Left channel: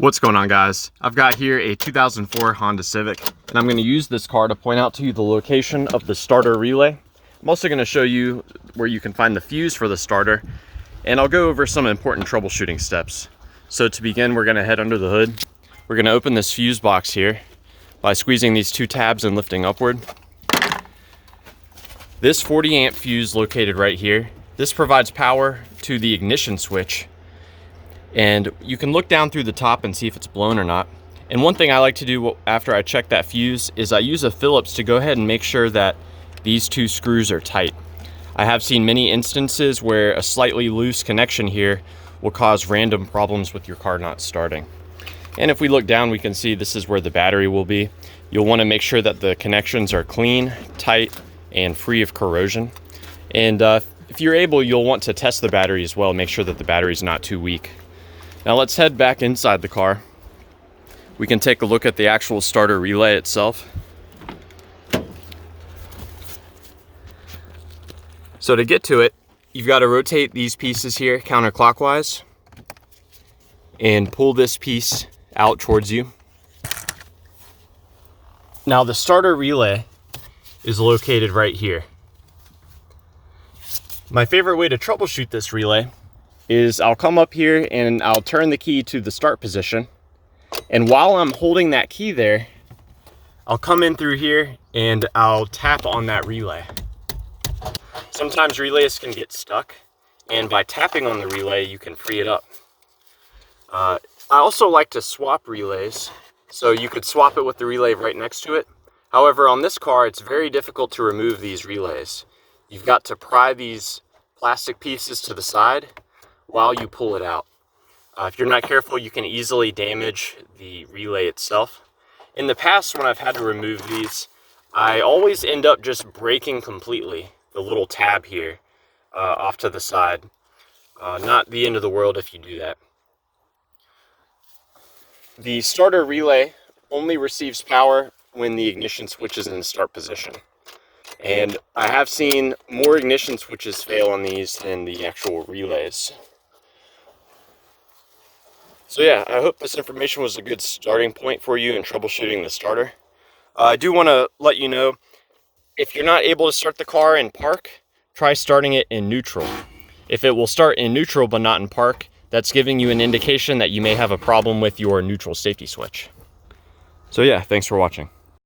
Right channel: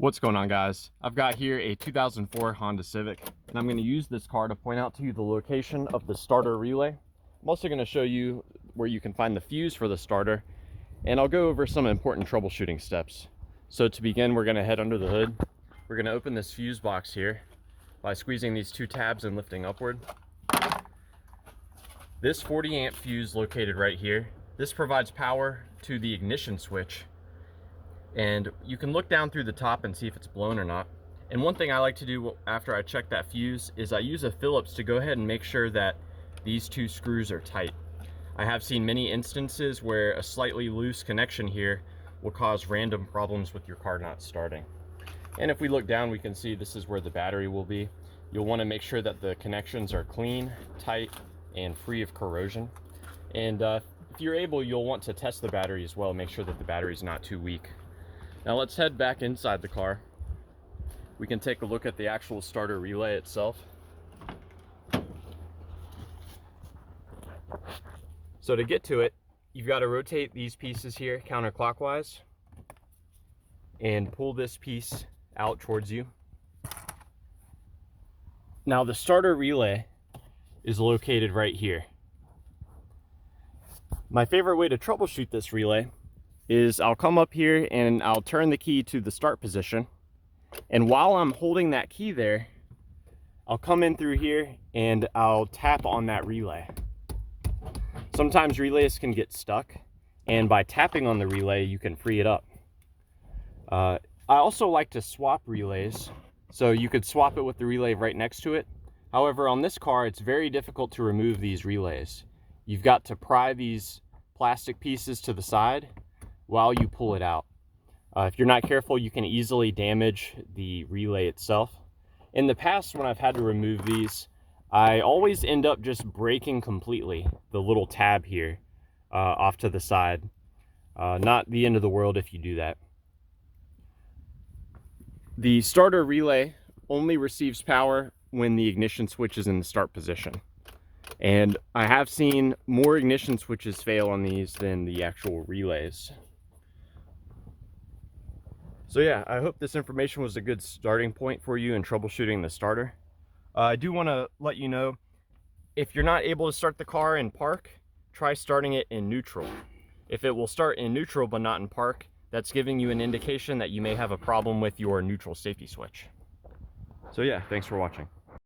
What's going on, guys? I've got here a 2004 Honda Civic, and I'm going to use this car to point out to you the location of the starter relay. I'm also going to show you where you can find the fuse for the starter, and I'll go over some important troubleshooting steps. So to begin, we're going to head under the hood. We're going to open this fuse box here by squeezing these two tabs and lifting upward. This 40 amp fuse located right here, this provides power to the ignition switch. And you can look down through the top and see if it's blown or not. And one thing I like to do after I check that fuse is I use a Phillips to go ahead and make sure that these two screws are tight. I have seen many instances where a slightly loose connection here will cause random problems with your car not starting. And if we look down, we can see this is where the battery will be. You'll want to make sure that the connections are clean, tight, and free of corrosion. And if you're able, you'll want to test the battery as well, make sure that the battery's not too weak. Now let's head back inside the car. We can take a look at the actual starter relay itself. So to get to it, you've got to rotate these pieces here counterclockwise and pull this piece out towards you. Now the starter relay is located right here. My favorite way to troubleshoot this relay is I'll come up here and I'll turn the key to the start position. And while I'm holding that key there, I'll come in through here and I'll tap on that relay. Sometimes relays can get stuck, and by tapping on the relay, you can free it up. I also like to swap relays, so you could swap it with the relay right next to it. However, on this car, it's very difficult to remove these relays. You've got to pry these plastic pieces to the side while you pull it out. If you're not careful, you can easily damage the relay itself. In the past, when I've had to remove these, I always end up just breaking completely the little tab here off to the side. Not the end of the world if you do that. The starter relay only receives power when the ignition switch is in the start position. And I have seen more ignition switches fail on these than the actual relays. So yeah, I hope this information was a good starting point for you in troubleshooting the starter. I do want to let you know, if you're not able to start the car in park, try starting it in neutral. If it will start in neutral but not in park, that's giving you an indication that you may have a problem with your neutral safety switch. So yeah, thanks for watching.